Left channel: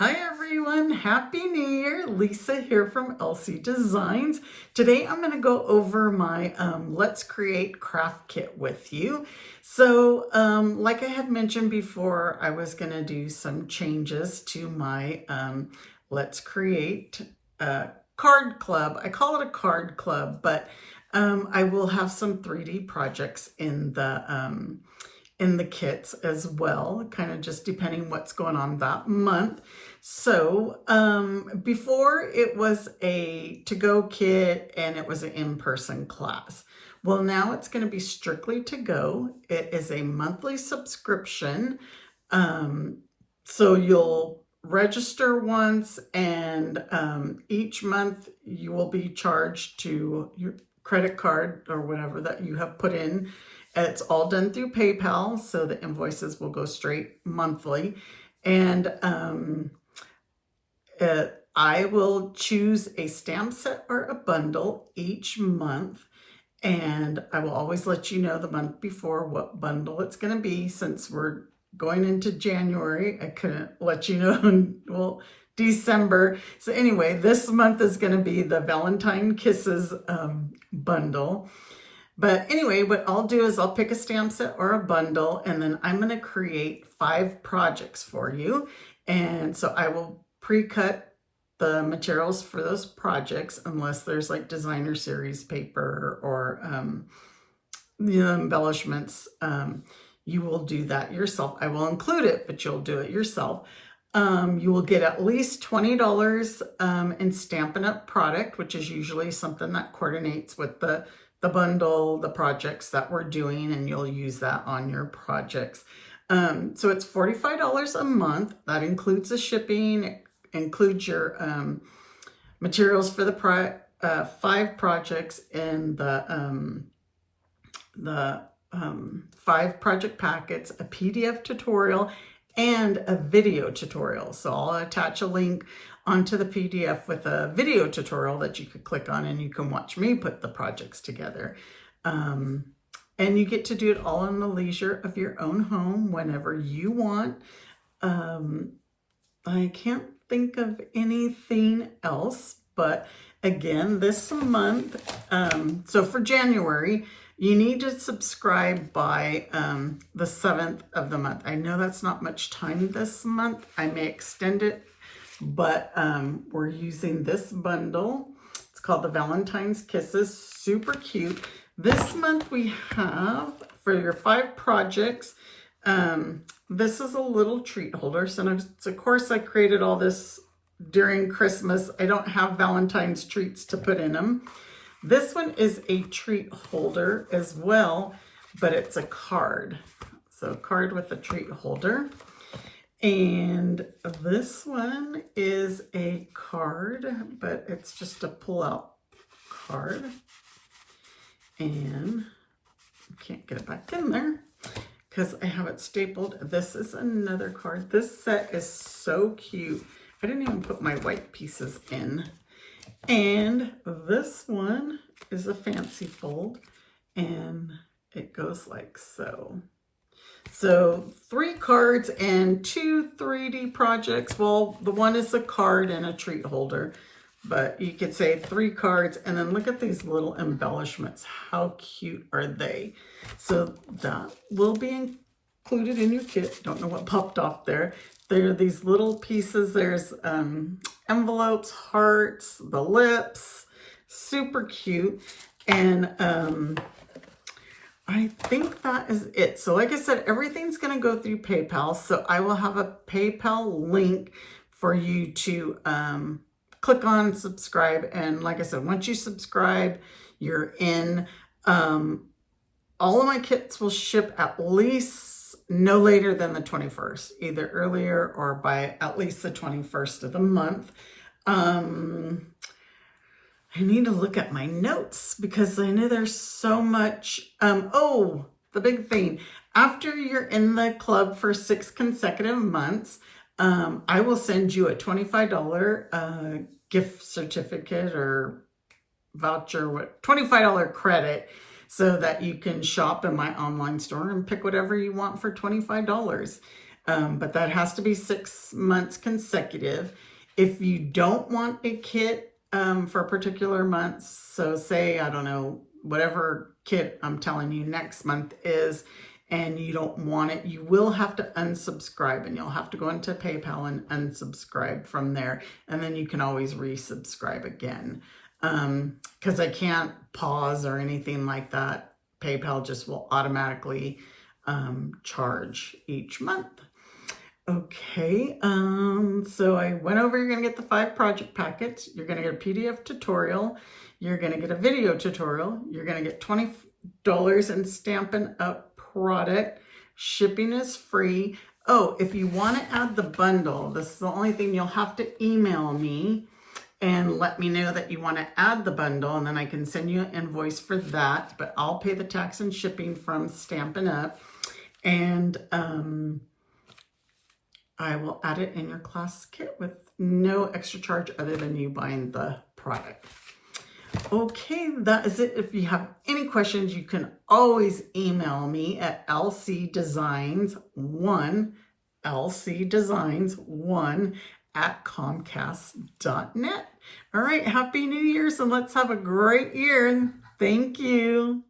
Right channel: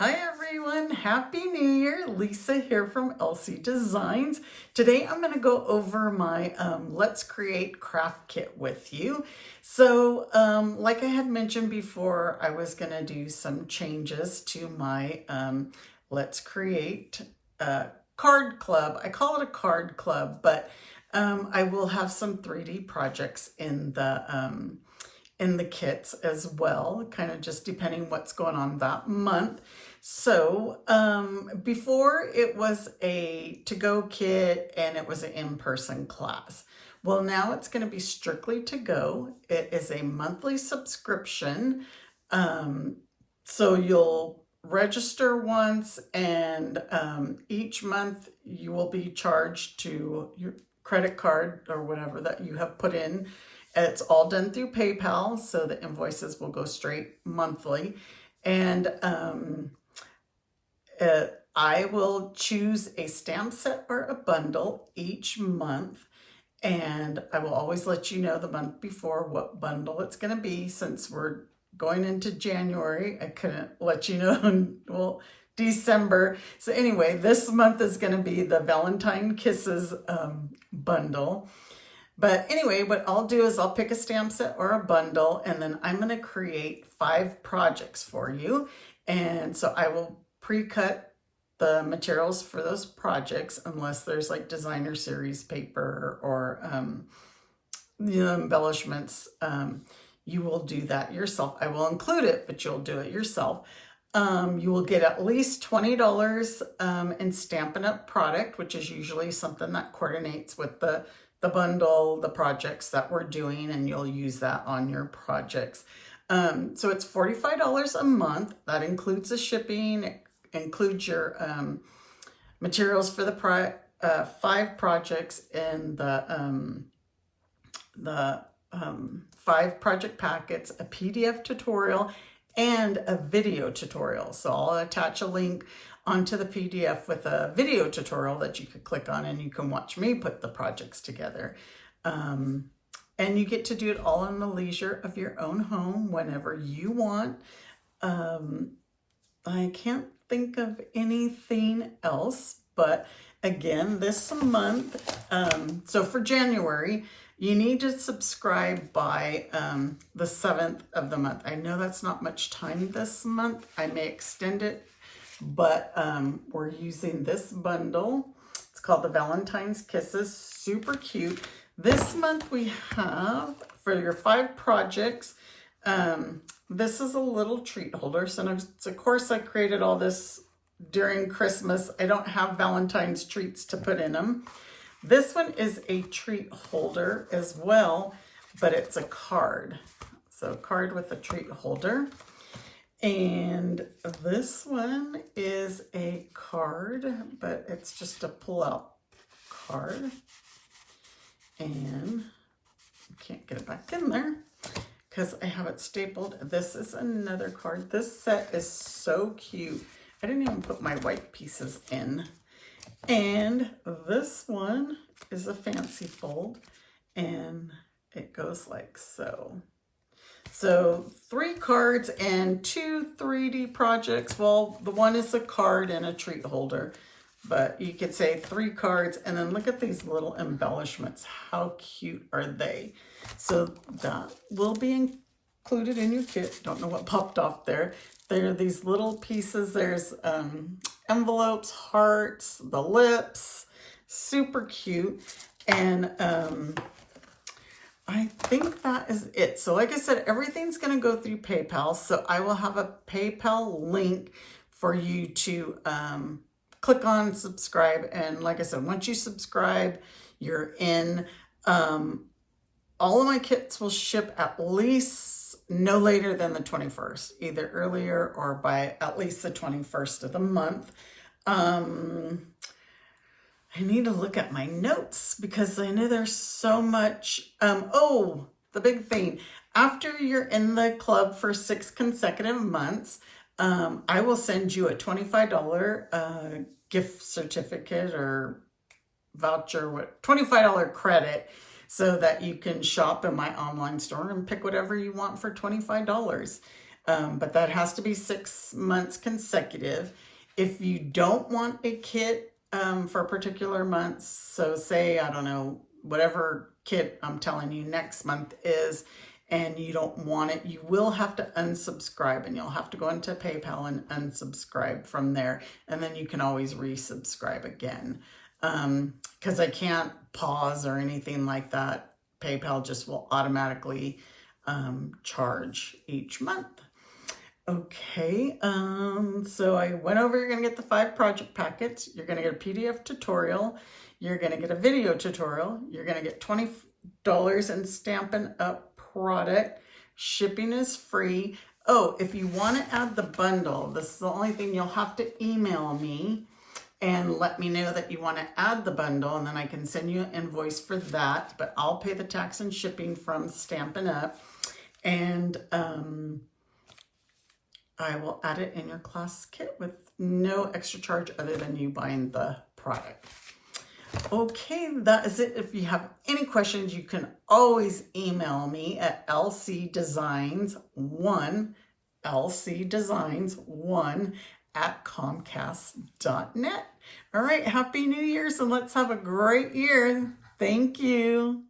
Hi everyone, Happy New Year. Lisa here from LC Designs. Today I'm going to go over my Let's Create craft kit with you. So like I had mentioned before, I was going to do some changes to my Let's Create card club. I call it a card club, but I will have some 3D projects in the kits as well, kind of just depending what's going on that month. So before it was a to-go kit and it was an in-person class. Well, now it's going to be strictly to-go. It is a monthly subscription. So you'll register once and each month you will be charged to your credit card or whatever that you have put in. It's all done through PayPal, so the invoices will go straight monthly. And I will choose a stamp set or a bundle each month. And I will always let you know the month before what bundle it's going to be. Since we're going into January, I couldn't let you know December. So anyway, this month is going to be the Valentine Kisses bundle. But anyway, what I'll do is I'll pick a stamp set or a bundle, and then I'm going to create 5 projects for you. And so I will pre-cut the materials for those projects, unless there's like designer series paper or embellishments. You will do that yourself. I will include it, but you'll do it yourself. You will get at least $20 in Stampin' Up! Product, which is usually something that coordinates with the bundle, the projects that we're doing, and you'll use that on your projects. So it's $45 a month. That includes the shipping, it includes your materials for the 5 projects and the 5 project packets, a PDF tutorial, and a video tutorial. So I'll attach a link onto the PDF with a video tutorial that you could click on, and you can watch me put the projects together. And you get to do it all in the leisure of your own home whenever you want. I can't think of anything else, but again, this month, so for January, you need to subscribe by the 7th of the month. I know that's not much time this month. I may extend it, but we're using this bundle. It's called the Valentine's Kisses. Super cute. This month we have, for your 5 projects, this is a little treat holder. So of course I created all this during Christmas. I don't have Valentine's treats to put in them. This one is a treat holder as well, but it's a card. So a card with a treat holder. And this one is a card, but it's just a pull-out card. And I can't get it back in there because I have it stapled. This is another card. This set is so cute. I didn't even put my white pieces in. And this one is a fancy fold, and it goes like so. So 3 cards and 2 3D projects. Well, the one is a card and a treat holder, but you could say 3 cards, and then look at these little embellishments. How cute are they? So that will be included in your kit. Don't know what popped off there. There are these little pieces. There's envelopes, hearts, the lips, super cute. And I think that is it. So like I said, everything's going to go through PayPal. So I will have a PayPal link for you to click on subscribe. And like I said, once you subscribe, you're in. All of my kits will ship at least no later than the 21st, either earlier or by at least the 21st of the month. I need to look at my notes because I know there's so much. Oh, the big thing. After you're in the club for 6 consecutive months, I will send you a $25 gift certificate or voucher, $25 credit, so that you can shop in my online store and pick whatever you want for $25. but that has to be 6 months consecutive. If you don't want a kit for a particular month, so say, I don't know, whatever kit I'm telling you next month is, and you don't want it, you will have to unsubscribe, and you'll have to go into PayPal and unsubscribe from there, and then you can always resubscribe again. Because I can't pause or anything like that. PayPal just will automatically charge each month. Okay, so I went over, you're gonna get the 5 project packets, you're gonna get a PDF tutorial, you're gonna get a video tutorial, you're gonna get $20 in Stampin' Up product, shipping is free. Oh, if you wanna add the bundle, this is the only thing, you'll have to email me and let me know that you wanna add the bundle, and then I can send you an invoice for that, but I'll pay the tax and shipping from Stampin' Up, and I will add it in your class kit with no extra charge other than you buying the product. Okay, that is it. If you have any questions, you can always email me at lcdesigns1@comcast.net. All right, Happy New Year's, and let's have a great year. Thank you.